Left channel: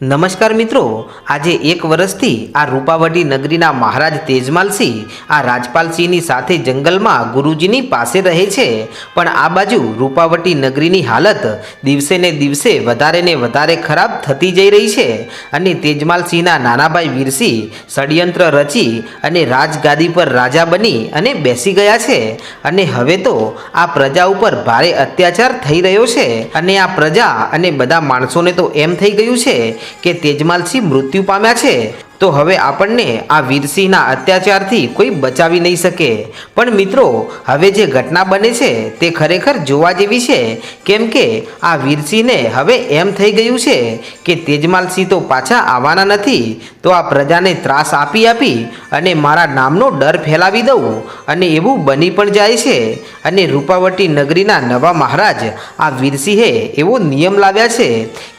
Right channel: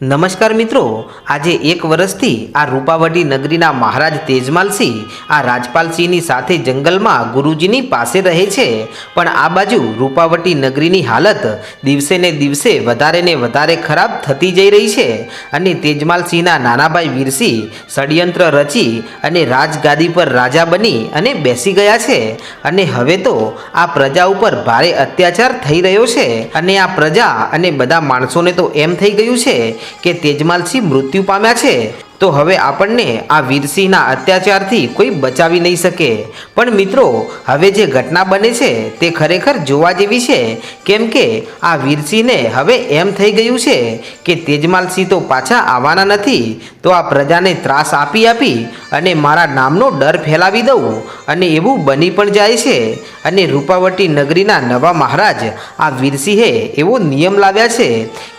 નમસ્કાર મિત્રો, આજે એક વર્ષથી આ રૂપાવટી નગરીના મહારાજ તેજમાલસિંહ આ રાજપાલસિંહની સાથે જંગલમાં ગુરુજીની પાસે રહે છે. પણ આ બાજુ રૂપાવટી નગરીની હાલત દિવસે ને દિવસે વધારે ને વધારે ખરાબ થતી જઈ રહી છે અને તેજમાલસિંહના નાનાભાઈ વીરસિંહ ષડયંત્ર રચી અને રાજગાદી પર રાજા બની અને બેસી ગયા છે. અને હવે તો આ પ્રજા ઉપર ભારે અત્યાચાર થઈ રહ્યો છે અને આ પ્રજા અને બધા માણસોને તો એમ થઈ ગયું છે કે તેજમાલસિંહ મૃત્યુ પામ્યા છે. તો હવે આપણને આ વીરસિંહના અત્યાચારથી કોઈ બચાવી નહીં શકે. પણ મિત્રો, હવે જે ઘટના બને છે, તે ખરેખર જોવા જેવી છે. કેમ કે આ વીરસિંહને હવે એમ થઈ ગયું છે કે તેજમાલસિંહ તો પાછા આવવાના નથી. તો આ પ્રજાને ત્રાસ આપી આપી અને મારા નામનો ડર ફેલાવી દઉં અને એવું બની પણ જાય છે. અને રૂપાવટી નગરીના નવા મહારાજ આ વીરસિંહે એવો નિયમ લાવ્યા છે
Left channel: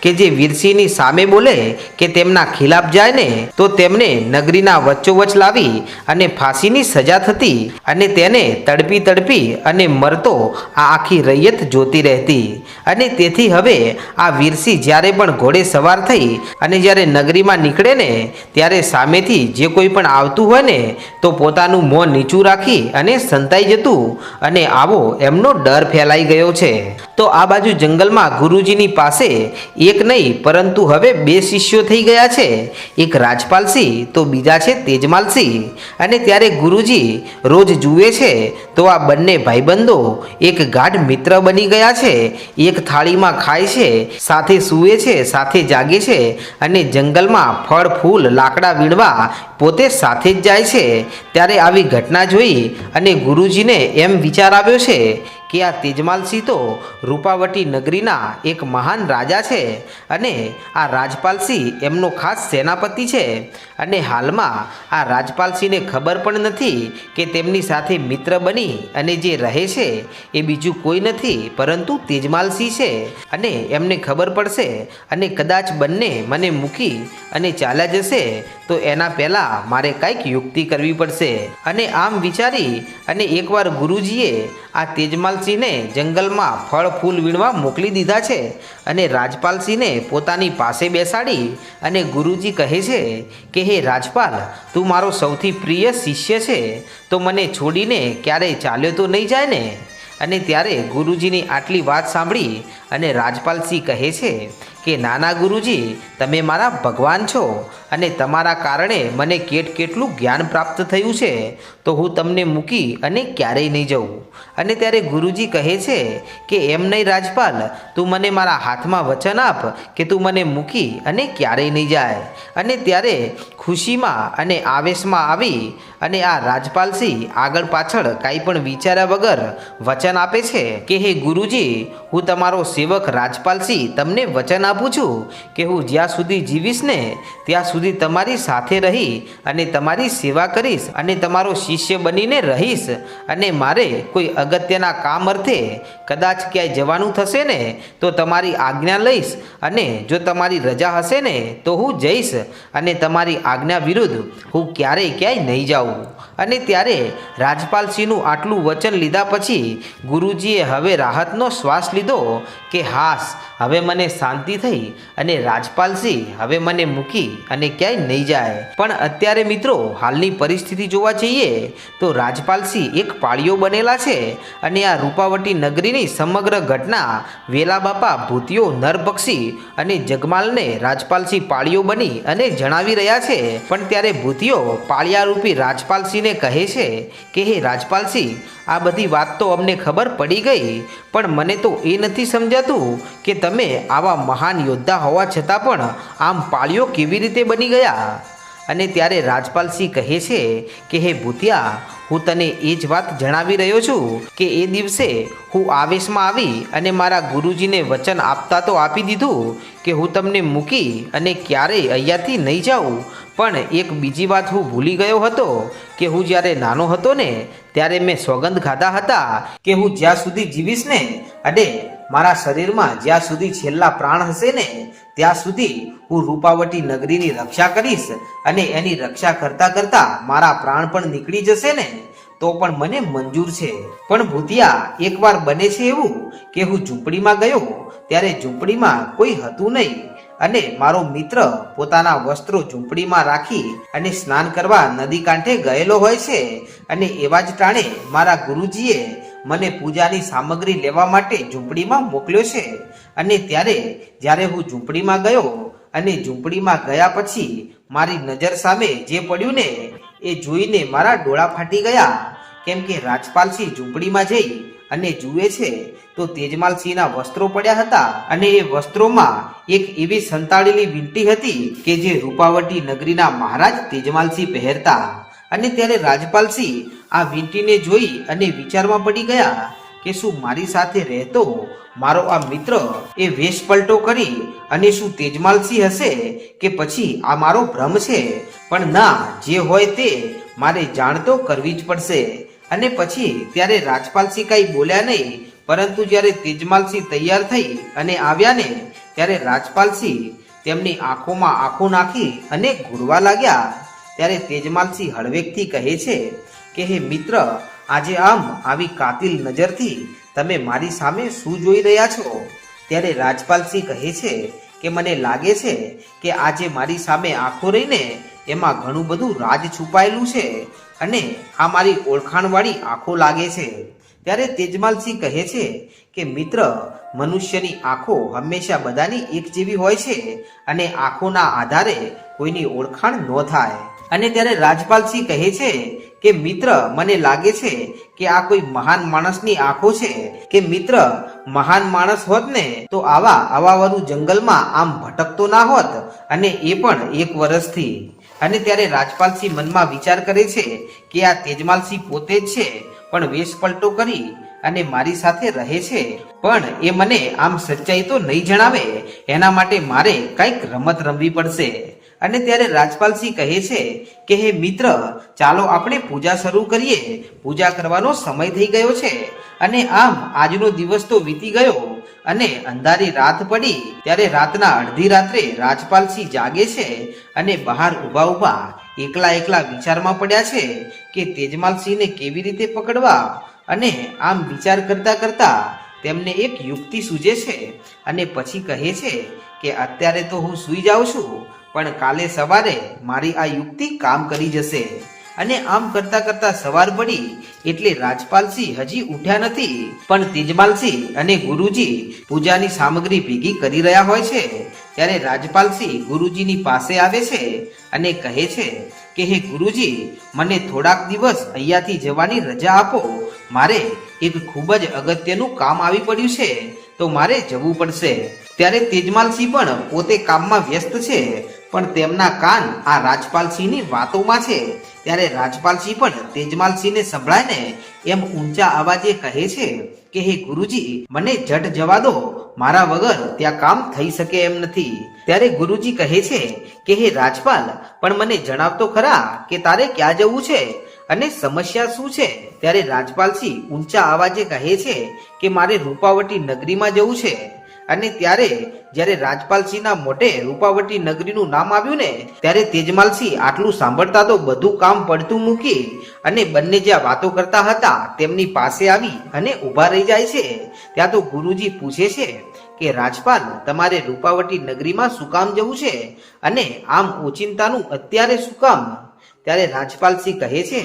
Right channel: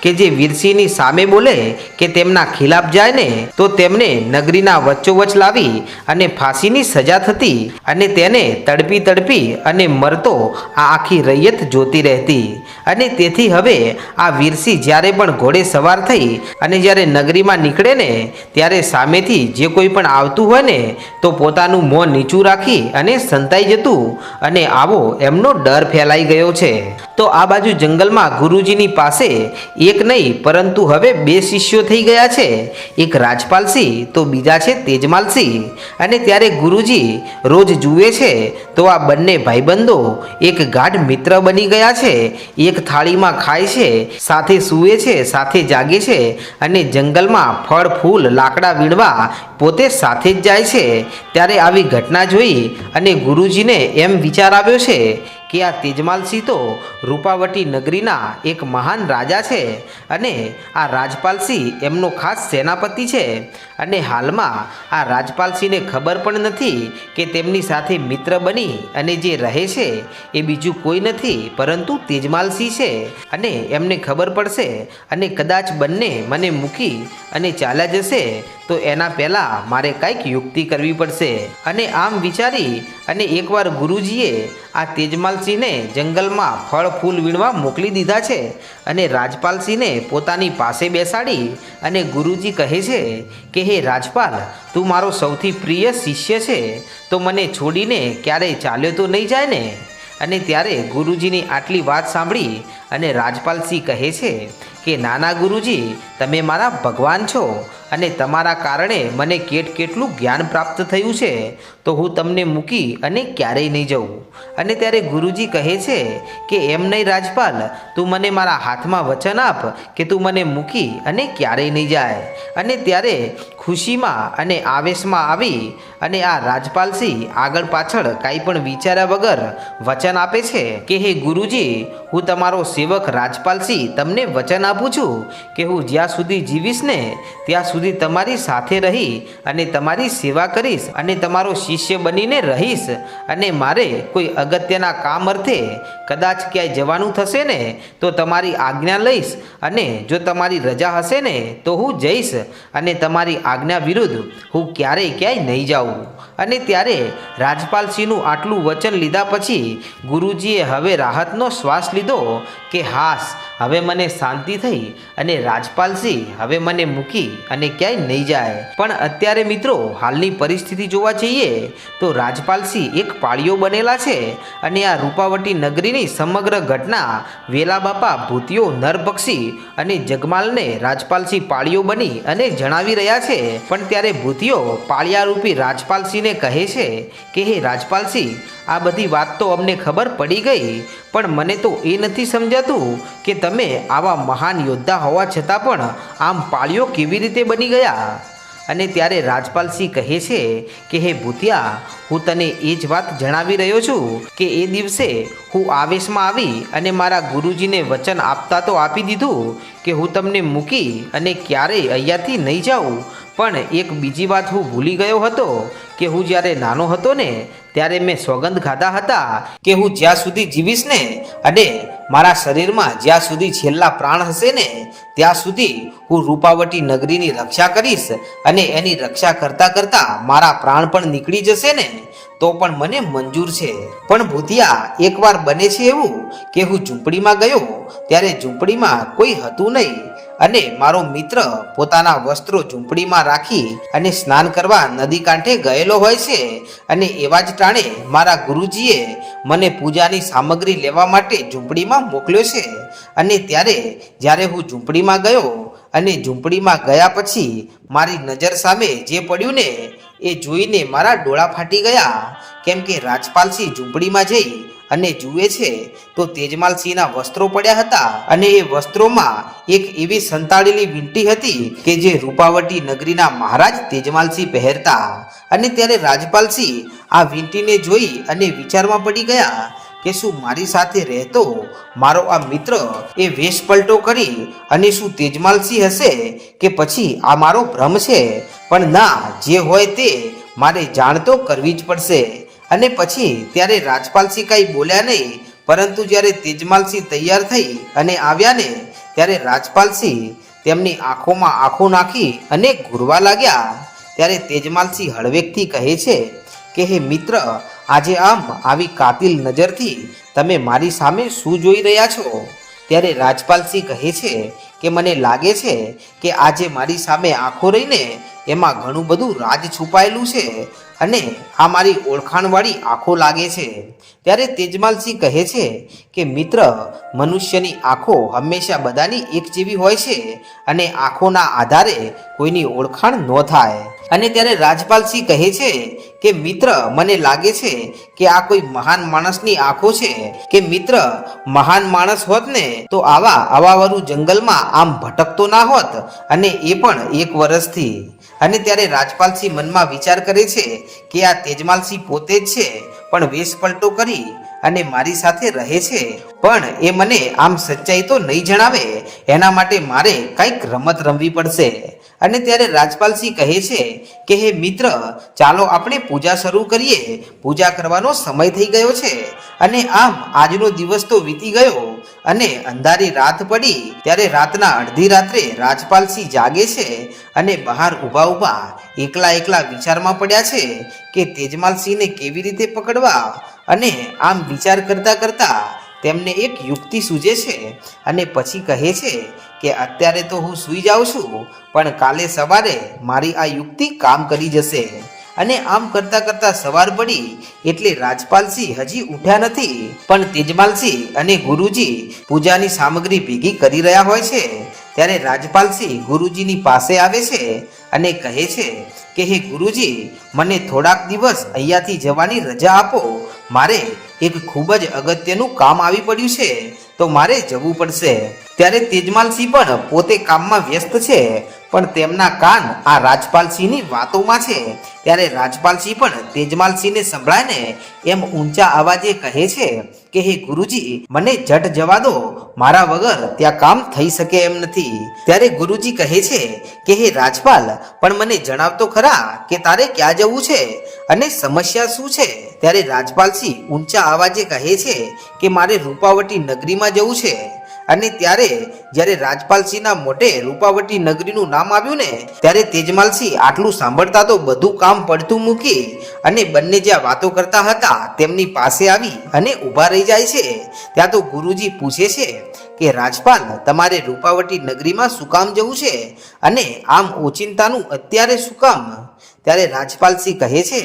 કે જે વીરસિંહની સામે બોલે કે તેમના ખિલાફ જાય ને, તો તેમને નગરીના વચ્ચોવચ લાવી અને ફાંસીની સજા થતી અને તેને તડપી તડપી અને મરતો આ આખી રૈયત જોતી રહેતી. અને તેથી હવે આ વીરસિંહ જ્યારે પણ ઘોડે સવાર થઈ અને જ્યારે નગરીમાં નીકળે ને ત્યારે સામેથી જે કોઈ પણ આવતું હોય ને તો પોતાનું મોં નીચું રાખી અને સંતાઈ જતું અને આવો એમનો ડર ફેલાઈ ગયો છે. તો આ બાજુ જંગલમાં ગુરુજીની પાસે એક નહીં, પરંતુ હવે બે શિષ્યો થઈ ગયા છે. એક રાજપાલસિંહ, તો બીજા છે તેજમાલસિંહ. અને ત્યારે ગુરુજી રોજ જુએ છે, તો આ બંને ભાઈબંધો એક ગાઢ મિત્ર બની ગયા છે, એક થાળીમાં ખાય છે, સાથે સૂવે છે, સાથે જાગે છે અને જંગલમાં ફળ, ફૂલ, લાકડા વીણવા પોતે સાથે જ જાય છે. ત્યારે આવી ઘટના જોઈ અને ગુરુજીને એમ વિચાર આવ્યો છે કે આ તેજમાલસિંહ તો રૂપાવટી નગરીના એક મહાન રાજા છે અને આ રાજપાલસિંહ એમનો ખાસ સેનાપતિ છે. અને હાલમાં આ રાજપાલસિંહને ખબર પણ નથી કે તેમની સાથે મિત્ર બની અને જે રહે છે એ બીજું કોઈ નથી, પરંતુ તેજમાલસિંહ છે અને એમને ખબર પડશે અને કદાચ બંને મને મૂકી અને ચાલ્યા જશે, તો એના પહેલાં મારે કાંઈક યુક્તિ કરવી પડશે. અને આમ વિચારી અને એકવાર ગુરુજીએ આ તેજમાલસિંહને જંગલમાં ફળ, ફૂલ વીણવા મોકલી દીધા છે અને રાજપાલસિંહને પોતાની પાસે બેસાડી અને ગુરુજી કહે છે કે, હે રાજપાલ, તું મારો સૌથી પ્રિય શિષ્ય છે. તો મને છોડીને ક્યારેય ચાલ્યો તો નહીં જાય ને? અને ત્યારે ગુરુજીની આટલી વાત સાંભળી અને રાજપાલસિંહ કહે છે કે, નાના ગુરુજી, તમે મારા ભગવાન છો. અને તમારા કારણે મને કેટ કેટલું જ્ઞાન પ્રાપ્ત થયું છે, તો હું તમને મૂકી અને ક્યારેય નહીં જઉં. અને ત્યારે ગુરુજી કહે છે કે, એમ નહીં રાજપાલ, તું મને મારા હાથમાં વચન આપ કે તું મને મૂકી અને ક્યારેય નહીં જાય. અને ત્યારે ખુશીમાં અને આવેશમાં આવી અને આ રાજપાલસિંહ આગળ પાછળ કાંઈ પણ વિચાર્યા વગર વચન આપે છે કે, હે ગુરુજી, હું તમારો સેવક રાજપાલસિંહ તમને વચન આપું છું કે હું જ્યાં સુધી જીવીશ ને, ત્યાં સુધી તમારી સાથે રહી અને તમારી સેવા કરીશ અને તમારો શિષ્ય બનીને રહીશ અને મારે કોઈ અગત્યના કામ અર્થે કદાચ ક્યાંય જવાનું થશે ને, તો તમારી આજ્ઞા લઈશ અને જો તમારી રજા હશે ને, તો હું જઈશ અને તમારી આજ્ઞા વિરુદ્ધ હું ક્યારેય ક્યાંય નહીં જાઉં. અને ત્યારે રાજપાલસિંહનું આટલું વચન લીધા પછી ગુરુજીએ હવે રાહતનો શ્વાસ લીધો કે હાસ, હવે મને શાંતિ થઈ અને રાજપાલસિંહ હવે મને મૂકી અને ક્યાંય નહીં જાય. પણ અત્યારે મિત્રો, હાલની પરિસ્થિતિ જોવા જઈએ, તો રાજપાલસિંહ એક પાળીઓ બનેલા છે અને આ રૂપાવટી નગરીની સમગ્ર ઘટના વેલા બાપા ભૂતિયો નરભક્ષી અને જગમાલને રાજપાલસિંહ પાળીઓ બની અને જણાવી રહ્યા છે. પણ ત્યારે ભૂતિયો પાળિયારૂપી રાજપાલસિંહને કહે છે કે, હે રાજપાલસિંહ, આ બધી વાત તો અમને ખબર પડી ગઈ, પણ મને તો એ નથી સમજાતું કે તમે આવા મહાન યોદ્ધા હોવા છતાં પણ આમ પાળીઓ કેવી રીતે બની ગયા અને ત્યારે રાજપાલસિંહ કહે છે કે, હે ભૂતિયા, હું તને એ જ વાત જણાવી રહ્યો છું કે, એ દિવસે હું આવેશમાં આવી અને મારા ગુરુજીને વચન આપતા તો આપી દીધું કે, હું તમને મૂકી અને ક્યારેય અહીંયાથી નહીં જાઉં. પણ એક બીજી વાત હું ભૂલી ગયો હતો કે, હું જ્યારે નાનો હતો ને, ત્યારે મેં સોગંદ ખાધા હતા કે, હું જ્યાં સુધી જીવીશ ને, અને મારા શરીરમાં જ્યાં સુધી છેલ્લા પ્રાણ હશે ને, ત્યાં સુધી હું રૂપાવટી નગરીની રક્ષા કરીશ અને એની રક્ષા કરતા કરતા મારા પ્રાણ પણ નીકળી જશે ને. તો પણ મને મંજૂર છે. પણ ભૂતિયા, એકવાર બને છે એવું કે હું ઝૂંપડીમાં ગયો, ત્યારે ઝૂંપડીમાં કોઈ હતું નહીં. અને મારો મિત્ર પોતાના વસ્ત્રો ઝૂંપડીમાં રાખી અને સ્નાન કરવા નદી કાંઠે ગયેલો હોય છે. અને એવા જ ટાણે મારા ગુરુજીએ મને પૂજાની સામગ્રી લેવા માટે ઝૂંપડીમાં મોકલ્યો છે. અને ત્યારે, જ્યારે હું ઝૂંપડીમાં ગયો અને ઝૂંપડીમાં ગયા પછી મારી નજર સામે જે પડ્યું ને એ જોઈને મારા ડોળા ફાટી ગયા. કેમ કે રાજપાલસિંહ ઝૂંપડીમાં જઈ અને જુએ છે, તો તેજમાલસિંહના વસ્ત્રો પડ્યા હતા. અને એ વસ્ત્રોમાં એક એવી સંતાડેલી વીંટી હતી કે જે રૂપાવટી નગરીના મહારાજ તેજમાલસિંહ પહેરતા. અને ત્યારે રાજપાલસિંહ આ વીંટીને જોઈ અને વિચારમાં પડી ગયા કે શું મારી સાથે રહેતો મારો આ મિત્ર એ વેશ પલટો કરી અને શું તેજમાલસિંહ હશે કે પછી આ મારો ભ્રમ છે? પણ ના, જે હોય તે મારે જાણ તો કરવી જ પડશે. અને પછી ત્યારે રાજપાલસિંહ કાંઈ બોલ્યા નહીં, પરંતુ જ્યારે તેજમાલસિંહ તૈયાર થઈ અને આવ્યા ને, ત્યારે રાજપાલસિંહ તેમની આંખોમાં આંખો નાખી અને ઘૂરવા લાગ્યા. ત્યારે તેજમાલસિંહ હળવેકથી કહે છે કે, હે મિત્ર આજે આમ આવી કાતિલ નજરથી તમે મારી સામે શું જોઈ રહ્યા છો? ત્યારે રાજપાલસિંહ કહે છે કે મને લાગે છે કે આજે મારી સામે આંખો રહીને એમાં ઘણું બધું રાજ છુપાયેલું છે અને આ મારી ઓળખાણવાળી આંખો લાગે છે. ત્યારે તેજમાલસિંહ કહે છે કે, મિત્ર, મનુષ્યની આંખો હંમેશા બધાની એક જેવી હોય છે અને આંખોના આધારે કોઈની ઓળખાણ ન થાય. અને ત્યારે રાજપાલસિંહ કહે છે કે, મિત્ર, મને લાગે છે કે આ કોઈ મહાન માણસની આંખો છે. કે મિત્ર, મહાન માણસ હોત ને, તો આવા આવાવાળું જંગલમાં આમ ભટકતો ના હોત અને એ પણ એક વર્ષથી અને ત્યારે રાજપાલસિંહ મનમાં વિચાર કરે છે કે આ તેજમાલસિંહ પોતે જ છે, પણ વેશ પલટો કરી અને મારી સાથે રહે છે. પણ એ મને આમ સચ્ચાઈ તો નહીં જણાવે. એના માટે મારે કંઈક રમત રમવી પડશે. અને ત્યારે રાજપાલસિંહ કહે છે કે, હે મિત્ર, ચાલો આપણે પૂજા શરૂ કરીએ. પૂજા કરવાનો સમય થઈ ગયો છે. અને આમ આજનો દિવસ તો વીતી ગયો. અને અંધારી રાત પડી. ત્યારે રાતના અડધી રાત્રે રાજપાલસિંહ જાગે છે અને બહાર ઊભા ઊભા એકલા એકલા વિચારમાં પડ્યા છે કે તેજમાલસિંહને કેવી રીતે પકડવા? અને આમ વિચાર કરતાં કરતાં તેમને એક યુક્તિ સૂજે છે અને પછી કહે છે કે અત્યારે તો હું સૂઈ જાઉં છું, પણ કાલે સવારે મારી આ યુક્તિ કામ કરી જશે. અને આમ કરતા કરતા સવાર પડી, એટલે રાજપાલસિંહ હજી ઉઠ્યા નથી, પણ તેજમાલસિંહ અને ગુરુજી પૂજાની સામગ્રી ભેગી કરી રહ્યા હોય છે. ત્યારે રાજપાલસિંહ ગુરુજીની પાસે આવે છે અને કહે છે કે, હે ગુરુજી, મને થોડાક દિવસ અહીંયાથી જવાની રજા આપો. મારે એક ખૂબ જ અગત્યનું કામ આવી પડ્યું છે, તો મારે જવું પડશે. ત્યારે તેજમાલસિંહ પણ પોતે કામમાં વ્યસ્ત છે, પણ તેમના કાન આ રાજપાલસિંહની વાતોમાં છે. ત્યારે રાજપાલસિંહ પણ તેજમાલસિંહને સંભળાય ને એમ ઊંચા અવાજે કહે છે કે, હે ગુરુજી, મને જટ જવા દો. મારા વગર ત્યાં કામ થઈ શકે એમ નથી. ત્યારે ગુરુજી કહે છે કે, હે રાજપાલ, પણ મને જણાવતો ખરા કે તારે ક્યાં જવું છે અને સમસ્યા શું છે? ત્યારે રાજપાલસિંહ ઊંચા અવાજે કહે છે કે, મારે રૂપાવટી નગરીમાં જવું છે. અને ત્યારે જ્યારે રાજપાલસિંહના મોઢે રૂપાવટી નગરીનું નામ આવ્યું ને, ત્યારે તેજમાલસિંહ આટલું સાંભળતા તો બધું કામ પડતું મૂકી અને બંને જ્યાં વાતો કરતા હતા તેમની પાસે આવી અને ઊભા રહી જાય છે. ત્યાં તો ગુરુજી પૂછે છે કે, રાજપાલ, તમારે રૂપાવટી નગરીમાં શું કામ જવું છે? અને આમ ઓચિંતાનું અત્યારે શું કામ? ત્યારે રાજપાલસિંહ કહે છે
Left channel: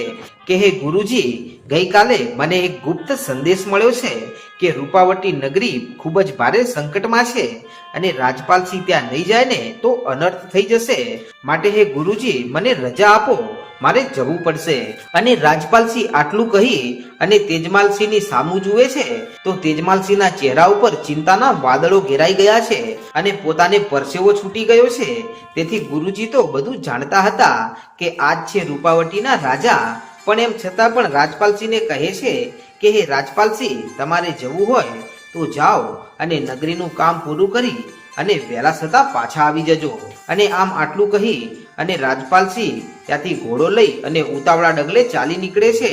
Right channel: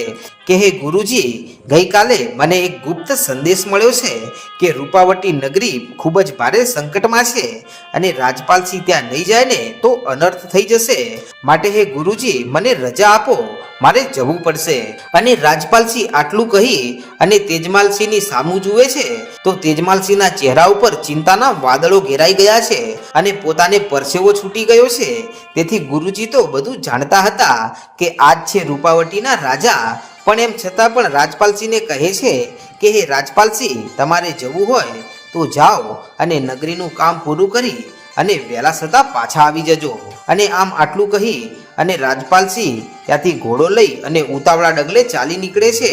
કે, હે ગુરુજી, ગઈકાલે મને એક ગુપ્ત સંદેશ મળ્યો છે કે રૂપાવટી નગરી ખૂબ જ ભારે સંકટમાં છે અને રાજપાલસિંહ ત્યાં નહીં જાય ને તો અનર્થ થઈ જશે. માટે હે ગુરુજી, મને રજા આપો, મારે જવું પડશે. અને રાજપાલસિંહ આટલું કહી અને તેજમાલસિંહની સામું જુએ છે, તો તેજમાલસિંહના ચહેરા ઉપર ચિંતાના વાદળો ઘેરાઈ ગયા છે અને પોતાને પરસેવો છૂટી ગયો છે. તેથી ગુરુજી તો બધું જાણતા હતા કે આજ છે રૂપાવટીના રાજા. પણ એમ છતાં પણ રાજપાલસિંહને કહે છે કે, હે રાજપાલસિંહ, તમારે જવું હોય તો જાઓ અને નગરીનું કામ પૂરું કરી અને વહેલા છતાં પાછા આવી જજો. અને આમ આટલું કહી અને રાજપાલસિંહ ત્યાંથી ઘોડો લઈ અને ઉતાવળા ડગલે ચાલી નીકળે છે.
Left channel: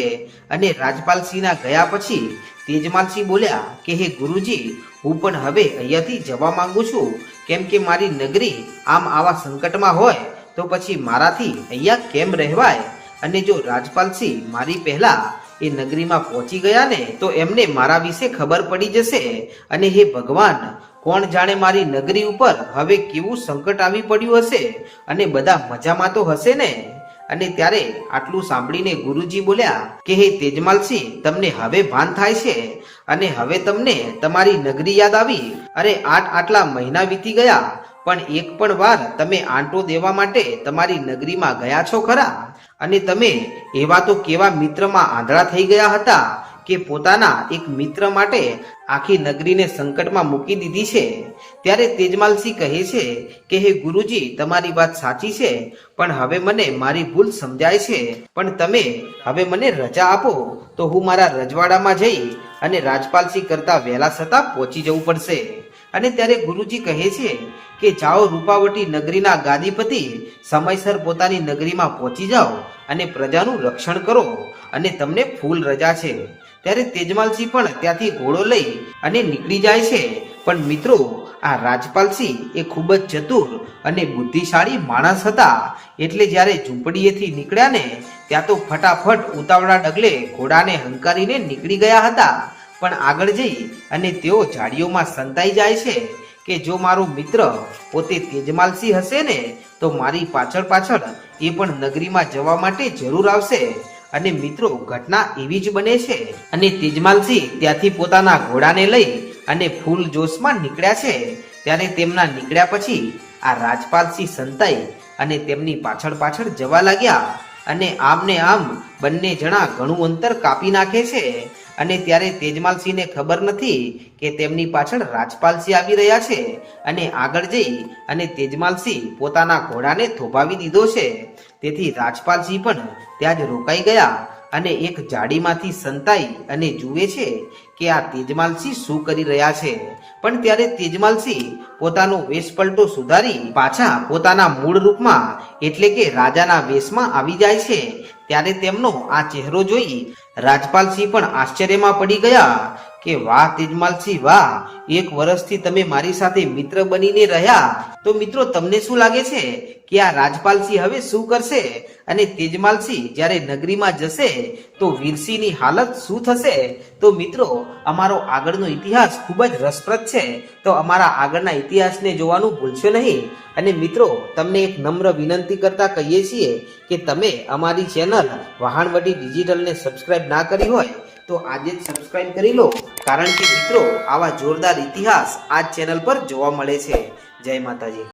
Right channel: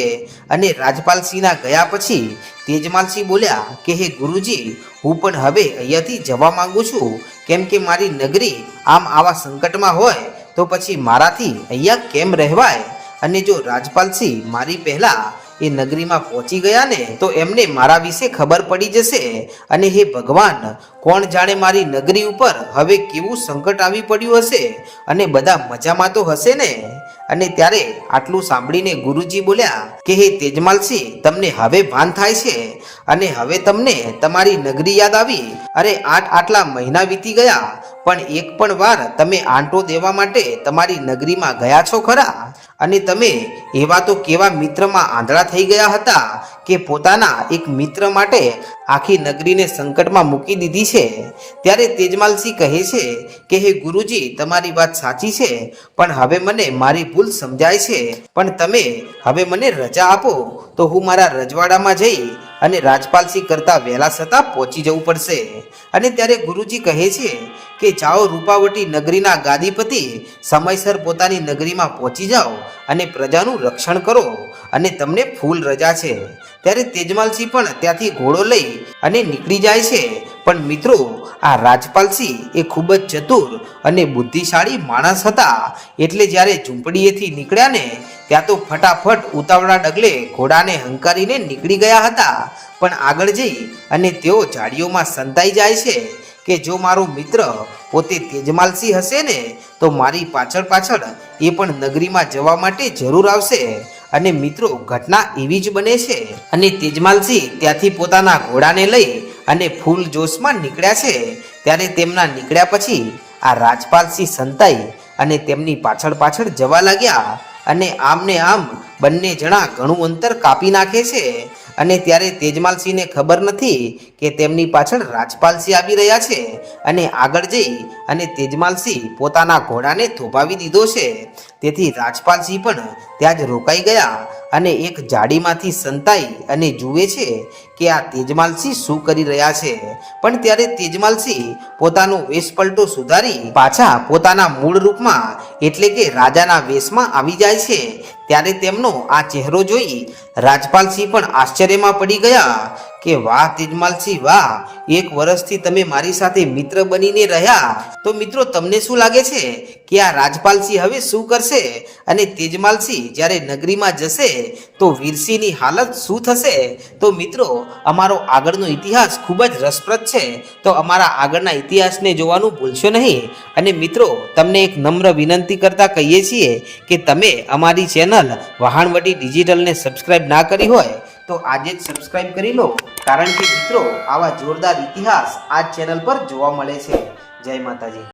અને રાજપાલસિંહના ગયા પછી તેજમાલસિંહ બોલ્યા કે, હે ગુરુજી, હું પણ હવે અહીંયાથી જવા માંગુ છું. કેમ કે મારી નગરી આમ આવા સંકટમાં હોય તો પછી મારાથી અહીંયા કેમ રહેવાય? અને જો રાજપાલસિંહ મારી પહેલાં એ નગરીમાં પહોંચી ગયા ને, તો એમને મારા વિશે ખબર પડી જશે. અને હે ભગવાન, કોણ જાણે મારી નગરી ઉપર હવે કેવું સંકટ આવી પડ્યું હશે? અને બધા મજામાં તો હશે ને? અને ત્યારે આટલું સાંભળીને ગુરુજી બોલ્યા કે, હે તેજમાલસિંહ તમને હવે ભાન થાય છે? અને હવે તમને તમારી નગરી યાદ આવી? અરે આઠ આટલા મહિના વીતી ગયા, પણ એક પણ વાર તમે આંટો દેવા માટે તમારી નગરીમાં ગયા છો ખરા? અને તમે એવા તો કેવા મિત્રમાં આંધળા થઈ ગયા હતા? કે પોતાના એક મિત્ર માટે આખી નગરીને સંકટમાં મૂકી દીધી છે? ત્યારે તેજમાલસિંહ કહે છે કે, હે ગુરુજી, તમારી વાત સાચી છે, પણ હવે મને મારી ભૂલ સમજાય છે. પણ તમે હવે મને રજા આપો, તો હું મારા રજવાડામાં જઈ અને રાજપાલસિંહ કરતાં વહેલા છતાં પહોંચી જવું પડશે. અને ત્યારે ગુરુજી કહે છે કે, જાઓ રૂપાવટી નગરીના ગાદીપતિ સમયસર પોતાની નગરીમાં પહોંચી જાઓ અને પ્રજાનું રક્ષણ કરો. અને તમને ફૂલ રજા છે. ત્યારે તેજમાલસિંહ પણ ત્યાંથી ઘોડો લઈ અને નીકળી જાય છે. પણ મિત્રો, આ રાજપાલસિંહ એ ખૂબ જ ચતુર અને બુદ્ધિશાળી માણસ હતા. એટલે જ્યારે ઝૂંપડીએથી નીકળ્યા ને, ત્યાં તો ફટાફટ ઉતાવળા ડગલે ઘોડાને હંકારીને નીકળી ગયા હતા. પણ આગળ જઈ અને તેઓ ઝાડીઓમાં સંતાઈ જાય છે કે જો મારો મિત્ર પોતે તેજમાલસિંહ હશે ને, તો મારી પાછળ પાછળ એ પણ નગરીમાં જવા માટે જરૂર આવશે. અને મિત્રો, ઘટના એવી જ બને છે. અને તેજમાલસિંહ ત્યાંથી પોતાના ઘોડાને લઈ અને ફૂલ જોશમાં નીકળ્યા છે. ત્યારે તેમના નીકળ્યા પછી આ રાજપાલસિંહ સંતાઈ અને તેમની પાછળ પાછળ જવા લાગ્યા. અને આમને આમ બંને જણા ઘણું અંતર કાપી નાખે છે. અને ત્યારે તેજમાલસિંહને ખબર નથી કે તેમની પાછળ રાજપાલસિંહ આવી રહ્યા છે. અને આગળ જઈ અને તેજમાલસિંહ પોતાના ઘોડાને થોભાવી દીધો છે. તેથી રાજપાલસિંહ પણ ત્યાં જ રોકાઈ ગયા અને એક જાડીમાંથી સંતાઈ અને જુએ છે કે આ તેજમાલસિંહ શું કરી રહ્યા છે. પણ ત્યારે તેજમાલસિંહ પોતાનો વેશપલટો સુધારી પાછા પોતાના મૂળ રૂપમાં, એટલે કે રાજાના વેશમાં આવી જાય છે. ત્યારે તેમનો આ ચહેરો જોઈ રાજપાલસિંહ પણ આશ્ચર્યમાં પડી ગયા. કે વાહ તેજમાલસિંહ વાહ, એક વર્ષથી તમે મારી સાથે મિત્ર બનીને રહ્યા. તો મિત્રો, તમને શું લાગે છે કે આ રાજપાલસિંહ હવે શું કરશે? અને તેજમાલસિંહ જ્યારે નગરીમાં જશે, તો વીરસિંહની હાલત શું થશે? તો મિત્રો, અમારો આગળનો ઇતિહાસ ખૂબ જ રસપ્રદ છે. તો અમારા આગળના ઇતિહાસને જોવાનું ભૂલશો નહીં. અને મિત્રો, તમને એક નમ્ર વિનંતી કરતા કહીએ છીએ કે તમે અમારી ચેનલ વહાણવટી ડિજિટલને સબસ્ક્રાઇબ ના કરી હોય, તો આજે જ સબસ્ક્રાઇબ કરી લો. કારણ કે મિત્રો આવા જોરદાર ઇતિહાસ આ ચેનલ પર જોવા મળે છે. જય માતાજી.